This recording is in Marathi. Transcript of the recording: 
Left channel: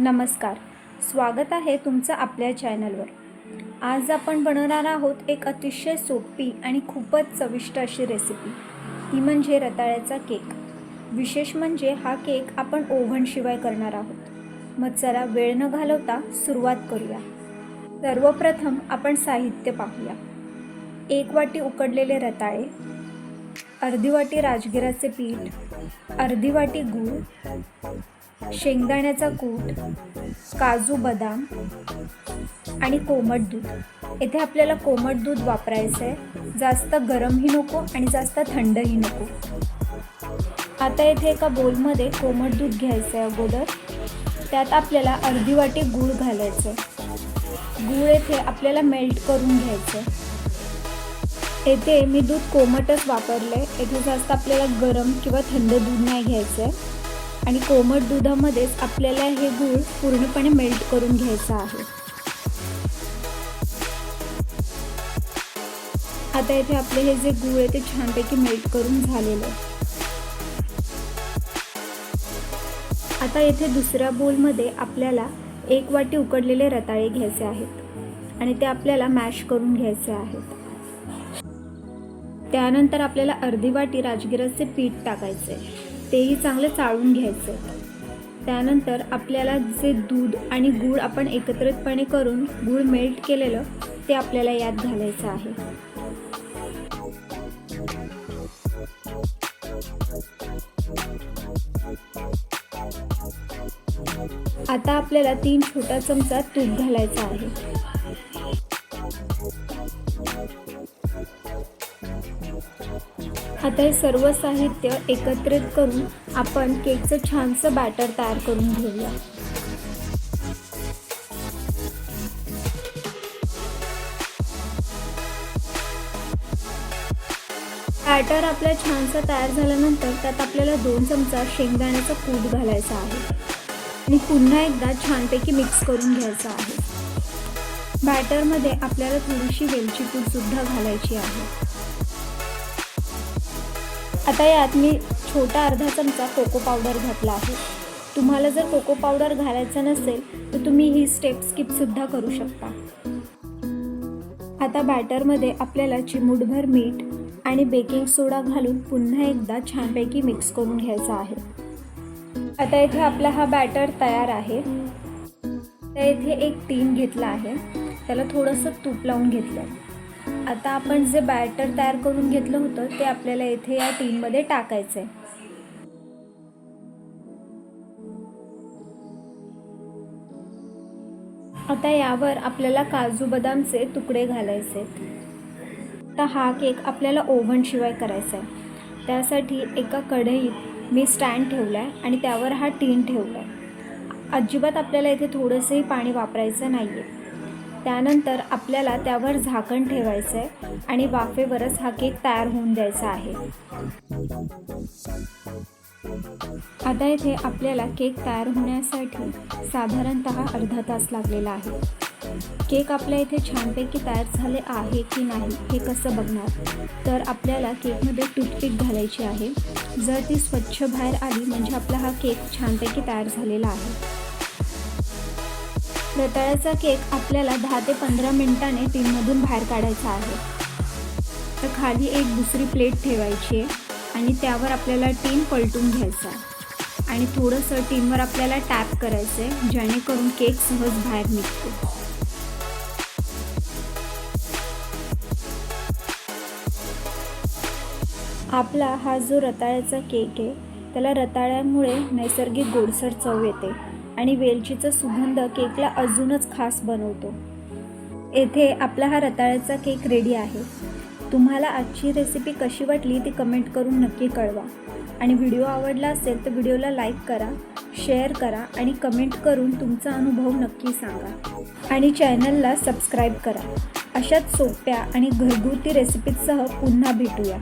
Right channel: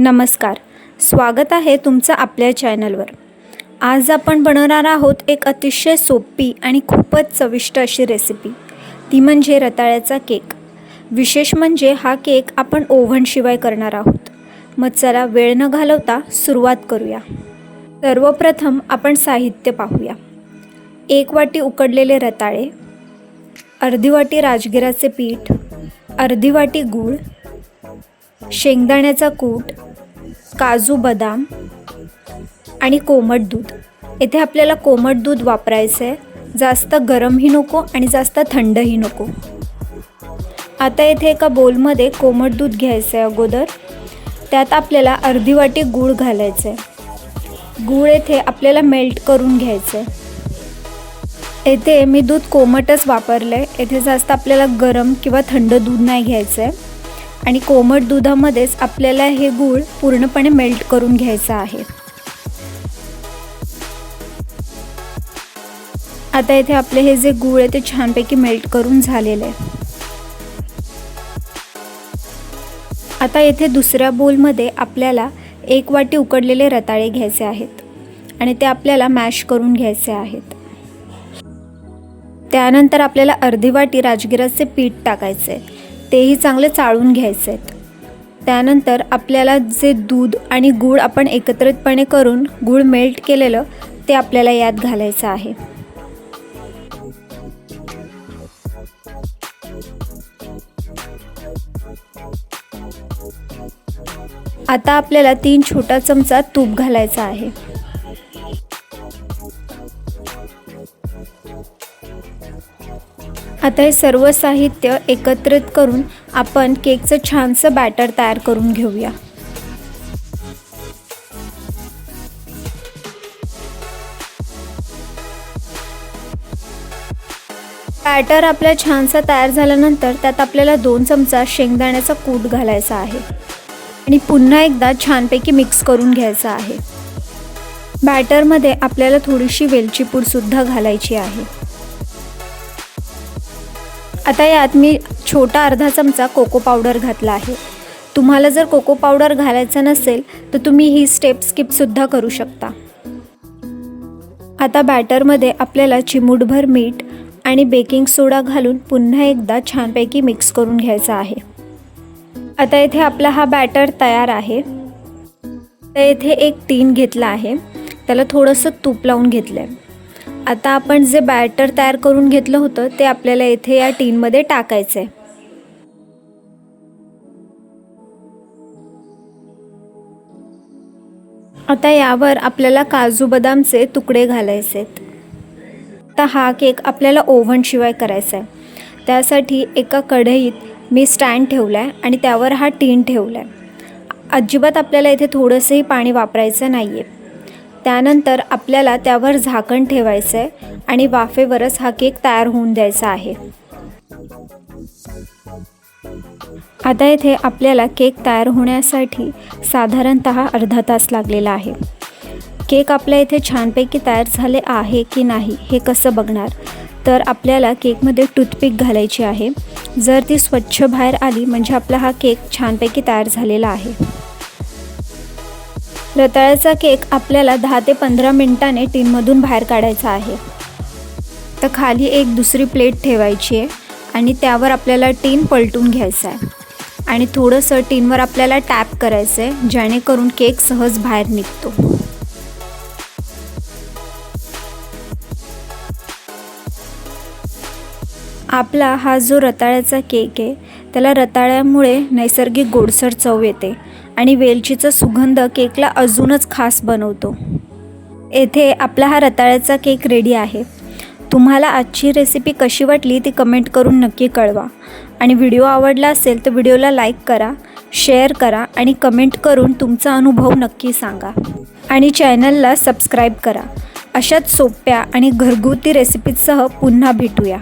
नमस्कार. स्वागत आहे तुमचं आपल्या चॅनलवर. आज आपण बनवणार आहोत एक अतिशय सोपी आणि खूपच चविष्ट अशी रेसिपी ती म्हणजे रताळ्याचा केक. विशेष म्हणजे हा केक आपण ओव्हनशिवाय करणार आहोत. मग चला वेळ न घालवता सुरुवात करूया. सर्वप्रथम आपण साहित्य पाहूया. एक वाटी उकडलेले रताळे अर्धी वाटी राजगिराचे पीठ अर्धी वाटी गूळ शेंगदाण्याचा कूट काजू बदाम आणि कोमट दूध. येथे आपल्याला कोमट दूध वापरायचं आहे जास्त गरमही नको आणि जास्त थंडही नको. आता येथे एका बोलमध्ये कोमट दूध घ्यायचं आहे अगोदर. त्यात आपल्याला अर्धी वाटी गूळ घालायचं आहे गूळ येथे आपल्याला मेल्ट करून घ्यायचं आहे येथे मी दूध कोमटच वापरलं आहे येथे जास्त आपल्याला गरम किंवा थंड दूध नाही घ्यायचं आहे आणि कोमट दुधामध्येच आपल्याला हे गूळ पूर्णपणे मेल्ट करून घ्यायचं आहे. आता इथे आपले हे जे गूळ आहे ते छानपैकी मेल्ट करून झालेलं आहे. आता येथे दुसऱ्या बोलमध्ये आपल्याला एक वाटी उकडलेले रताळे घ्यायचे आहेत आणि ते आपल्याला मॅश करून घ्यायचे आहेत. त्यानंतर आपल्याला अर्धी वाटी राजगिराचे पीठ टाकायचे आहे. तेही चांगले चाळून घ्यायचे. आहेत त्यानंतर आपल्याला जे दूध आणि गूळ आपण एकत्रितपणे करून गूळ मेल्ट केलेलं ते आपल्याला यात घालायचं आहे. आता आपल्याला तीन छोटा चमचा तूप घालायचा आहे. आता हे सर्व साहित्य एकत्रित करून आपण केकचं छानसं बॅटर तयार करून घेऊया. बॅटर आपल्या छानसा तयार झाल्यानंतर त्यात आपल्याला दोन चमचा शेंगदाण्याचा कूट घालायचा आहे आणि पुन्हा एकदा छानपैकी मिक्स करून घ्यायचा आहे. बॅटरमध्ये आपल्याला थोडीशी वेलची पूडसुद्धा घालायची आहे. आता यात मी छोटा अर्धा चमचा कोको पावडर घातला आहे. तुम्हाला जर कोको पावडर घालायचं नसेल तर तुम्ही ही स्टेप स्किपसुद्धा करू शकता. आता बॅटरमध्ये आपल्याला चिमूटभर मीठ आणि बेकिंग सोडा घालून पुन्हा एकदा छानपैकी मिक्स करून घ्यायचा आहे. आता येथे आपला हा बॅटर तयार आहे. तर येथे एक टीन घेतला आहे. त्याला थोडंसं तूप लावून घेतलं आहे आता आपण जे बॅटर तयार करून घेतलं होतं ते आपल्याला इथे या टीनमध्ये टाकायचं आहे आता यावर आपल्याला काजू बदामचे तुकडे घालायचे आहेत आता हा केक आपल्याला ओव्हनशिवाय करायचा आहे त्यासाठी एका कढईत मी स्टँड ठेवला आहे आणि त्यावर हा टीन ठेवला आहे अजिबात आपल्याला इथे थोडंसंही पाणी वापरायचं नाही आहे त्यानंतर आपल्याला त्यावर झाकण ठेवायचं आहे आणि वाफेवरच हा केक तयार होऊन द्यायचा आहे. आता येथे आपल्याला केक तयार होण्यासाठी साधारणत अर्धा तास लागलेला आहे. केक आपल्या इथे छानपैकी तयार झाले आहे की नाही हे कसं बघणार? तर आपल्याला केकमध्ये टूथपिक घालायची आहे. जर ती स्वच्छ बाहेर आली म्हणजे आपला हा केक छानपैकी तयार झालेला आहे. रताळ्याचा केक आपल्याला दहा ते पंधरा मिनिटाने टीनमधून बाहेर काढायचा आहे. तर खाली एक दुसरी प्लेट ठेवायची आहे आणि त्यावर आपल्याला टीन पलटून घ्यायचं आहे. आणि थोडंसं टीनवर आपल्याला टॅप करायचं आहे जेणेकरून केक सहज बाहेर निघतो. आपला हा जो रताळ्याचा केक आहे त्याला रताळ्यामुळे नैसर्गिक गोडसर चव येते आणि वेलचीचा सुगंध केकला अजूनच खास बनवतो. येथे आपला हा रताळ्याचा केक रेडी आहे. तुम्हाला आजची रेसिपी कशी वाटली ती कमेंट करून नक्की कळवा. आणि व्हिडिओ आवडला असेल तर व्हिडिओला लाईक करा शेअर करा आणि कमेंट करून तुमचा अनुभव नक्की सांगा. आणि चॅनलला सबस्क्राईब करा. अशाच सोप्या आणि घरगुती रेसिपीजसह पुन्हा भेटूया.